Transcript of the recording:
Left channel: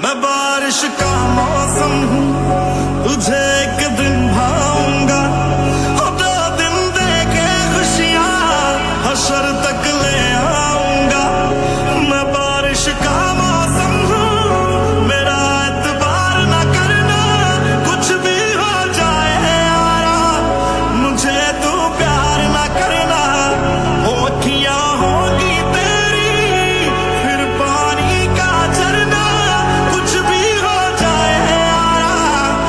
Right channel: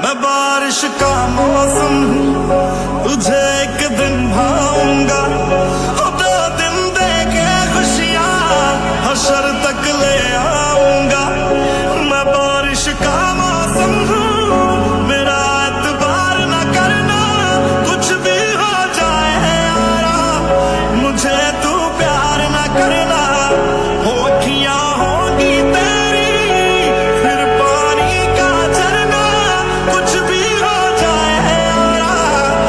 मैं बारिश का मौसम हूँ, तुझे एक दिन भाऊंगा। 2 दिन दे के खुशियाँ हशर तक ले आऊंगा। मैं बारिश का मौसम हूँ, मेरा एतबार न करना, कुछ भी हो जाए यारा, मुझे तू प्यार न करना।